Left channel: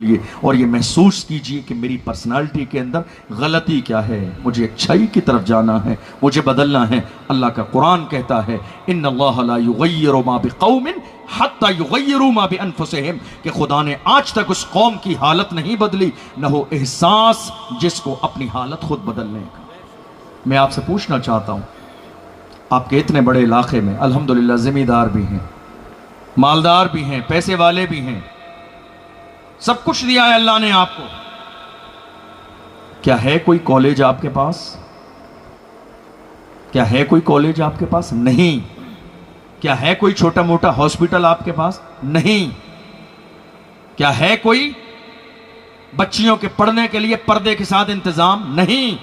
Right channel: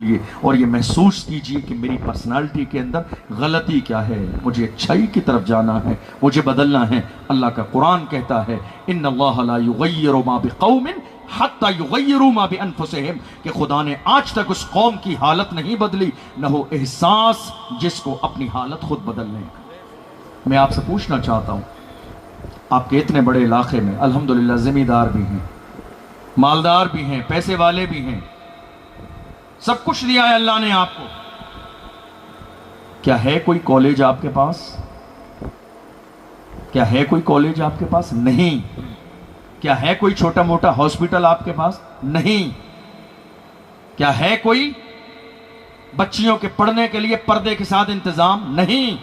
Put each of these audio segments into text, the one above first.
और ये महसूस कीजिए कि मेरी पर्सनालिटी के अंदर गलती क्या है, मुझे अच्छाई की तरफ जाना है, मुझे बदलना है। अल्लाह का कुरान कहता है इन्नल्लाह ला युगय्यिरु मा बिक़ौमिन हत्ता युगय्यिरु मा बिअनफुसिहिम, कि खुदा ने आज तक उस कौम की हालत नहीं बदली न हो एहसास जिसको अपनी हालत खुद बदलने का। मैं आपसे पूछना चाहता हूँ, आपके इतने बड़े इलाके में अल्हम्दुलिल्लाह ज़मींदार भी हैं, मालदार भी हैं, पैसे वाले भी हैं, सब कुछ दिया है अल्लाह ने आपको। क्या है कोई कॉलेज आपके पास? क्या है कोई कॉलेज आपके पास? नहीं। क्या है कोई छोटा मोटा हॉस्पिटल आपके पास? नहीं। क्या है कोई बच्चियों के पढ़ने के लिए पर्दे के साथ इंतजाम? नहीं।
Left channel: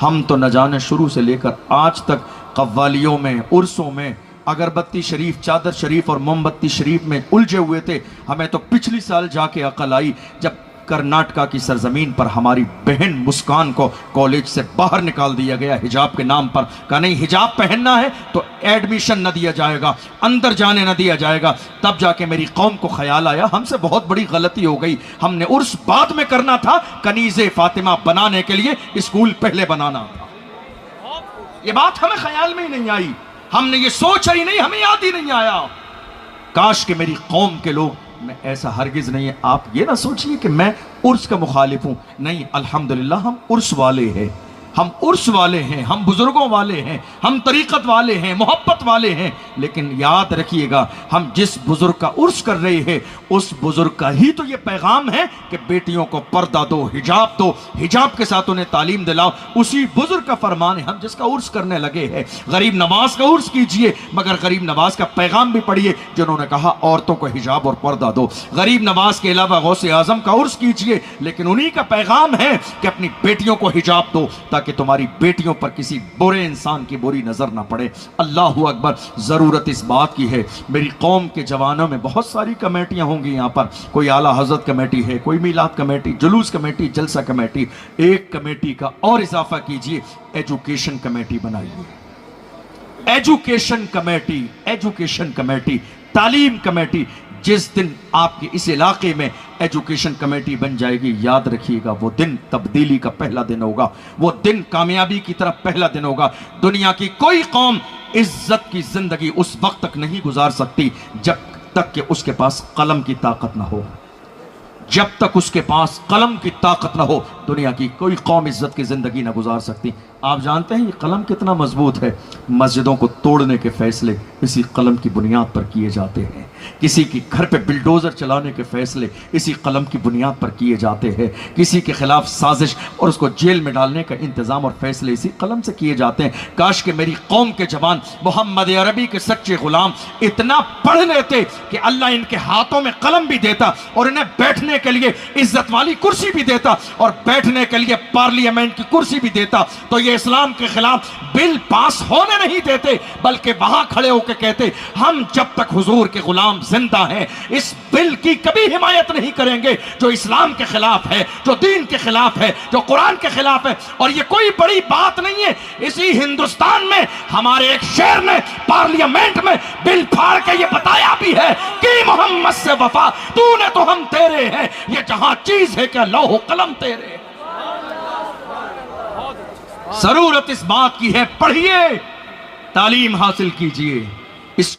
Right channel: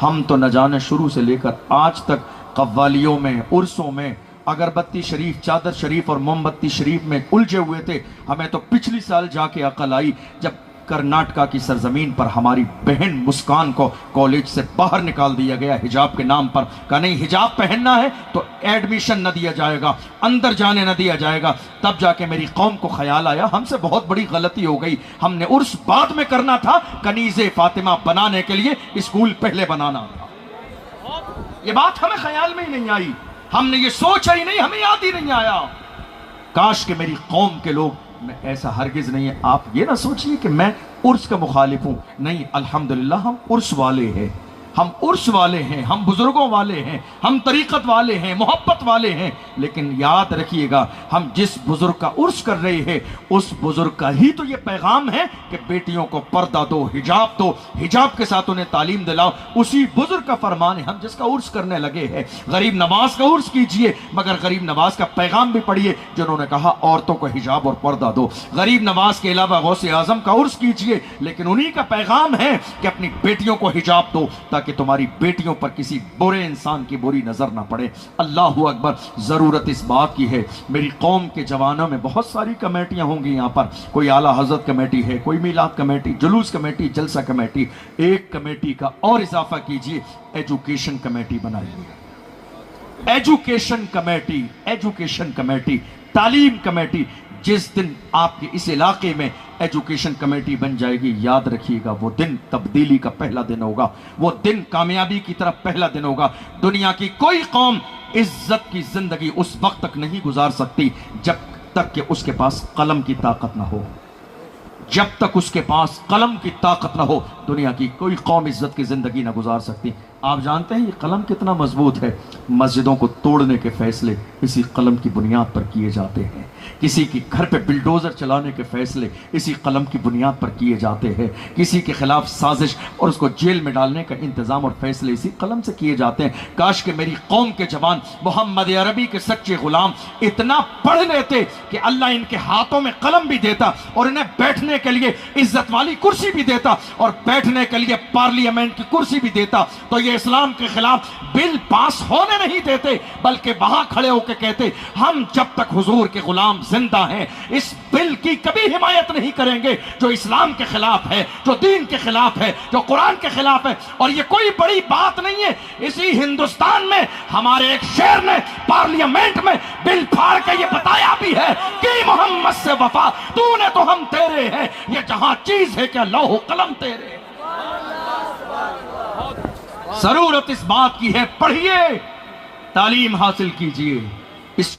हम तो न जाने शुरू से लेकर आज तक कव्वालियों में, उर्सों में अगरबत्ती शरीफ, चादर शरीफ और मोमबत्ती शरीफ में उलझे हुए थे। हमें तो पिछली साल जाके अकल आई जब कर्नाटका की सरजमीन पर हमारी बहन मुस्कान को कॉलेज से बाहर निकाल दिया गया हिजाब के नाम पर। कहा नहीं, हिजाब पहनना है तो एडमिशन न दिया जाएगा, अंदर जाने न दिया जाएगा। तब जाके मेरी कौम को ख्याल आया हमसे बहुत बड़ी गलती हो गई, हमने उर्स बाद में करना था, कनीज़े फातिमा बनाने के लिए स्कूल पहले बनाना था। ये बात हमें ख्याल में ही नहीं आई, हमने ये सोचा ही नहीं, हमें याद ही नहीं आया। काश कि मेरी कौम के लोग, मैं ऐसा हरगिज नहीं है, आप ये ना सोचिए कि मैं उर्स का मुखालिफ हूं, नहीं, अल्हम्दुलिल्लाह हम उर्स वाले हैं, हम उर्स वाले हैं, हम बुजुर्गों वाले हैं, हम तरीकत वाले हैं, मोहब्बत वाले हैं। लेकिन याद रखिएगा, हम जिस बुजुर्ग का उर्स कर रहे हैं उस बुजुर्ग का ही तो ये पैगाम है कि बेटियों को पर्दा दो, हिजाब दो, हिजाब के साथ उन्हें तालीम दिलाओ। उसी बुजुर्ग का फरमान है हम जिसका उर्स करने लगे हैं। गरीब नवाज का उर्स कीजिए, मगर गरीब नवाज का पैगाम भी पढ़िए जिन्होंने कहा औरतों को हिजाब और पर्दा दो। गरीब नवाज के अलावा गौसे आजम का उर्स कीजिए, लेकिन उन्हीं का पैगाम है कि अपनी बेटियों को हिजाब दो ताकि तुम्हारी बेटियों पर किसी बुरे इंसान की बुरी नजर ना पड़े। अल्लाहू अकबर। जरूरत इस बात की है, मेरी कौम के जवानों में बहुत सारी कमेटियां होंगी यहाँ पर, कोई आला हजरत कमेटी है, कोई मीलाद कमेटी, जुलूस कमेटी, जलसा कमेटी। एक कमेटी का और इजाफा कीजिए, एजुकेशन कमेटी बनाइए। एजुकेशन कमेटी, एजुकेशन कमेटी, तालीम कमेटी। जिस दिन आपके इस इलाके में एजुकेशन कमेटी बन जाएगी, याद रखिएगा वो दिन तब्दीली का पहला दिन होगा, वो दिन कामयाबी की तरफ पहला दिन होगा। दुनिया की कोई कौम इज्जत की जिंदगी उस वक्त तक नहीं गुजार सकती जब तक कि उसके पास कलम की ताकत ना हो। जब तक उसके पास कलम की ताकत ना हो, दुनिया की कोई कौम इज्जत की जिंदगी ना गुजार सकती। आप जानते हैं ये कलम कितना मजबूत है। मस्जिदों को तोड़ने के फैसले इसी कलम की बुनियाद पर किए जाते हैं। किसी के घर पे बिल्डोजर चलाने के फैसले इसी कलम की बुनियाद पर किए जाते हैं। किसी के खिलाफ साजिश और उसको जेल में डालने का इंतजाम और फैसले इसी कलम से किए जाते हैं। काश के मेरी कौम के जवान मोहम्मद अरबी के सच्चे गुलाम इतना पढ़ लेते कि अल्लाह इनके हाथों में कलम भी देता और इन्हें बैठने के लिए इज्जत वाली कुर्सी भी देता और बैठने के लिए पार्लियामेंट की कुर्सी भी देता, तो ये इस्लाम के खिलाफ बिल पास होने नहीं देते, बल्कि वहां खड़े होकर कहते हम जब तक हुजूर के गुलाम जिंदा हैं इस बिल की कभी हिमायत नहीं करेंगे जो इस्लाम के खिलाफ है, जो दीन के खिलाफ है, जो कुरान के खिलाफ है। और ये कोई बड़ी बात नहीं है, इसी हिंदुस्तान में हमारे एक शेर ने पार्लियामेंट में बिल फाड़ के ये बताया भी है कि मोहम्मद से वफा, तूने तो हम तेरे हैं, ये जहां चीज है क्या लौह कलम तेरे। जरूरत इस बात की है, पढ़िए, तालीम हासिल कीजिए।